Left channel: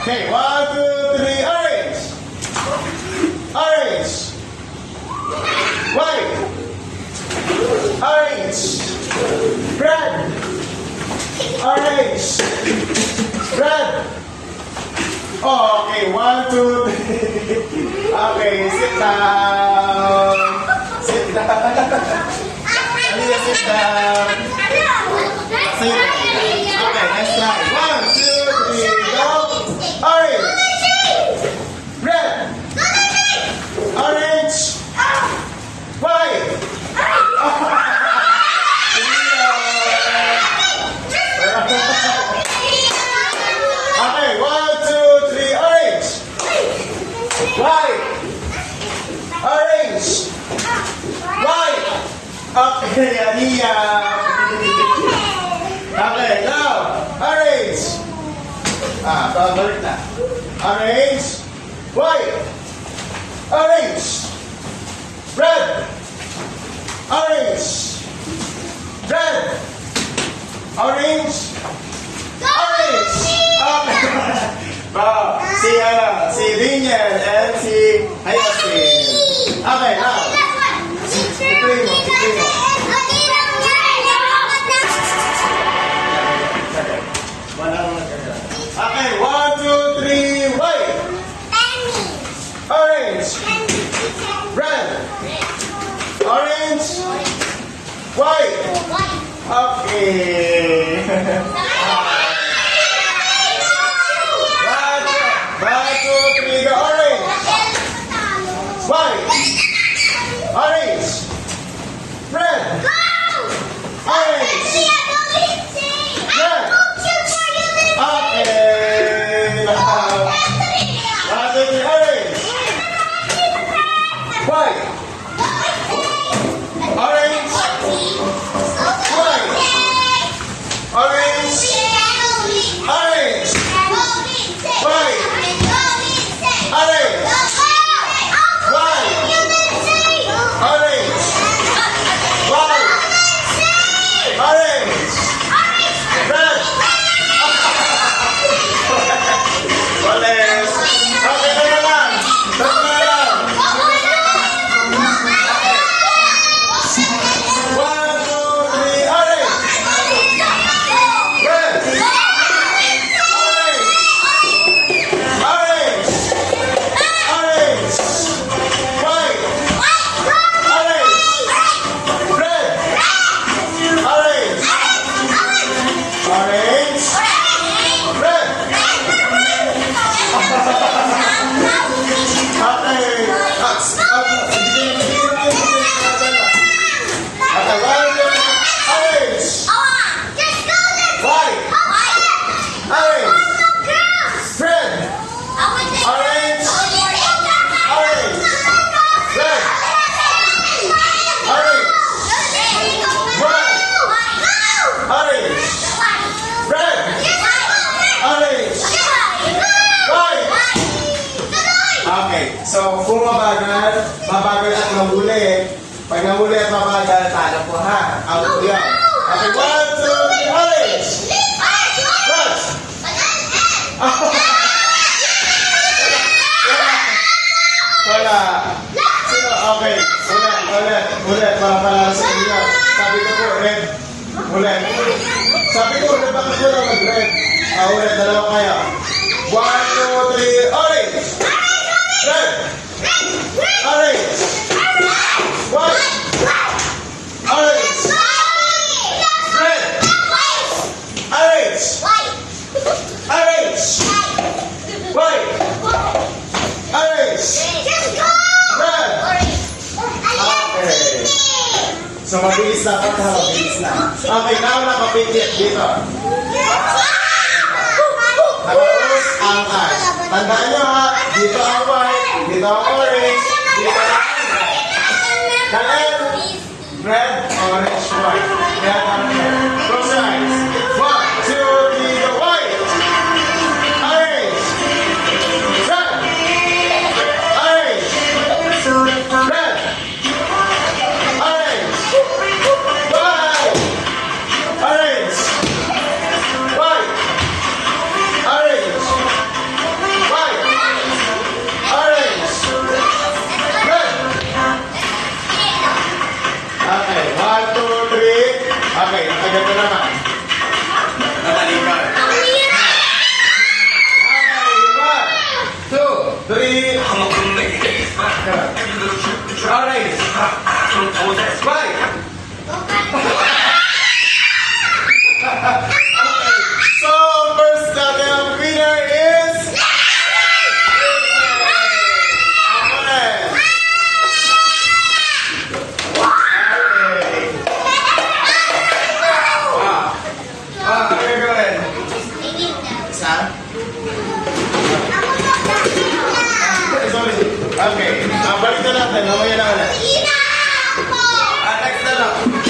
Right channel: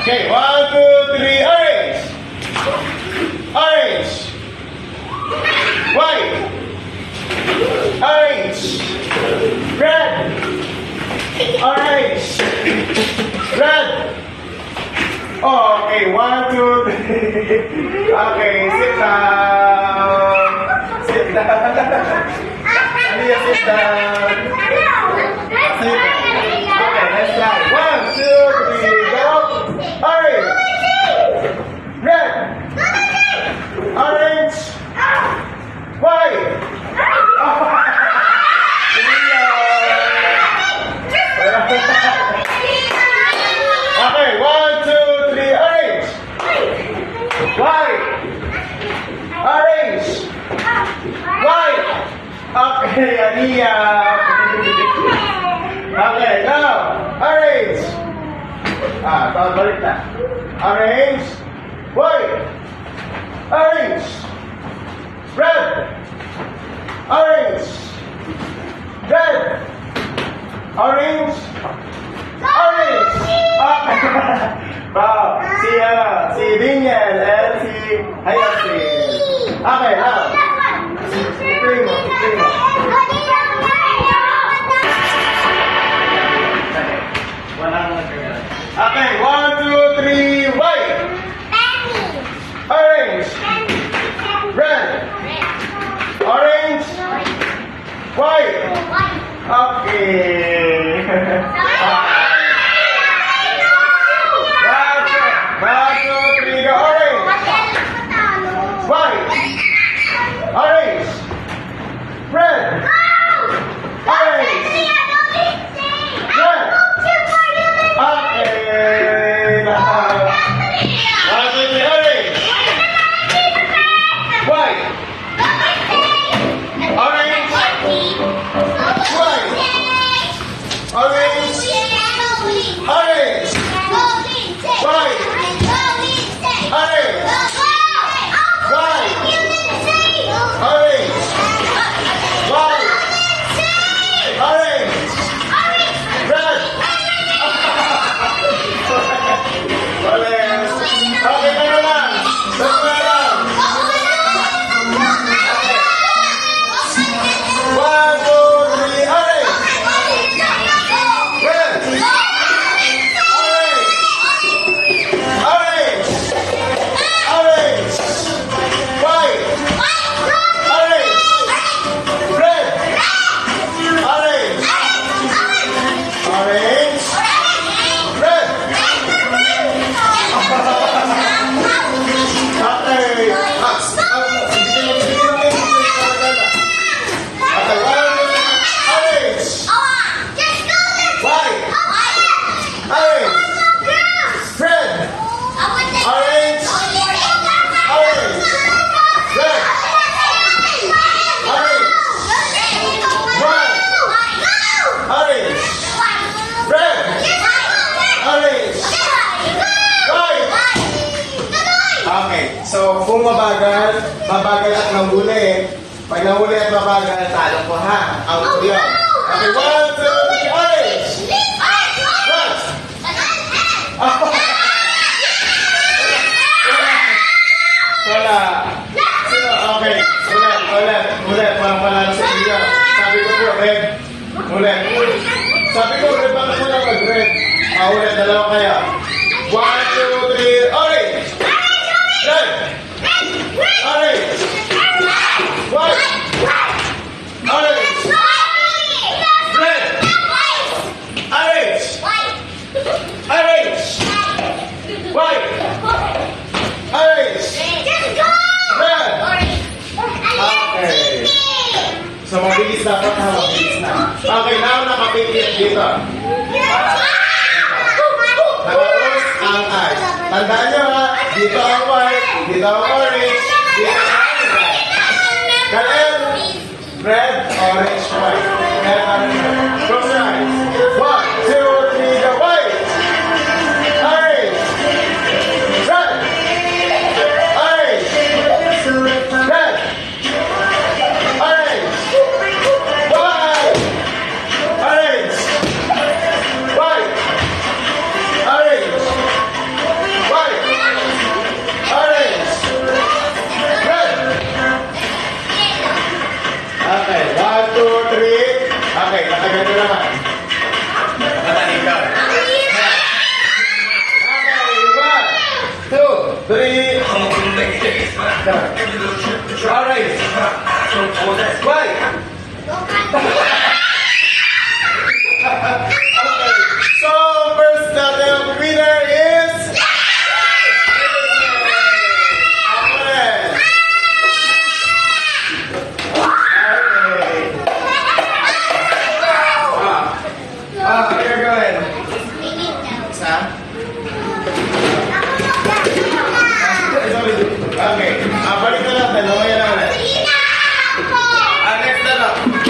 Okay, 1, 2, 3, orange. Orange. White. Orange. Red. Orange. Red. Okay, 1, 2, 3. Okay, sit down. Sit down. Aliyah, sit down. Sit down. Okay, next slide. 1, 2, 3, go. Orange. Red. Orange. White. Okay, 1, 2, 3, orange. White. Orange. White. Okay, Aliyah. Okay, now. Orange. Balik na. Orange. White. Orange. Red. Orange. Red. Orange. Orange. Okay. Wow. Si Daniel and si Hayasin. Okay, now. Tignan mo. Okay, 1, 2, 3, white. Orange. Red. Orange. White. Okay. 1, 2, 3, go. Orange. White. Orange. Red. Orange. Red. Okay. 1, 2, 3, orange. White. Orange. White. Orange. Orange. White. Orange. White. Orange. White. Orange. Red. Walis. Okay na naman. Tatlo na lang. 1, 2, 3, orange. Red. Orange. Orange. Orange. White. Orange. Red. Orange. Orange. Red. Okay. Okay, orange. White. Orange. Red. Orange. Orange. Red. Orange. White. Orange. Red. Orange. White. Okay, so kung mabagal at mahuli. Pag nahuli at mabagal, talo ko ha. Ang yan. Okay, 1, 2, 3, orange. Red. Wala. Sino? Okay. Ulit. Para panalo sa inyo. Sabi ko po, red. Ulit. Sabi ko, red. Bakit mo lang mag-red? Ulit. Dalawa kaya. 1, 2, 3, orange. Red. Orange. White. Orange. Red. Orange. Orange. White. Orange. Red. Okay. So, mabilis dapat ha. Mabilis na. Okay, now nakapikit dito. Nakaus ang eyes. Tandaan nyo ha. Dito ang white. Dito ang orange. Dito ang red, orange, white. Red, orange, white. Close your eyes. 1, 2, 3, go. White. Orange. Red. Orange. Red. Orange. White. Orange. White. Orange. Orange. White. So, first natin winner is... Orange. Okay, go ahead. Isa? Okay. Balik na lang. Mamaya na ulit. Next na lang.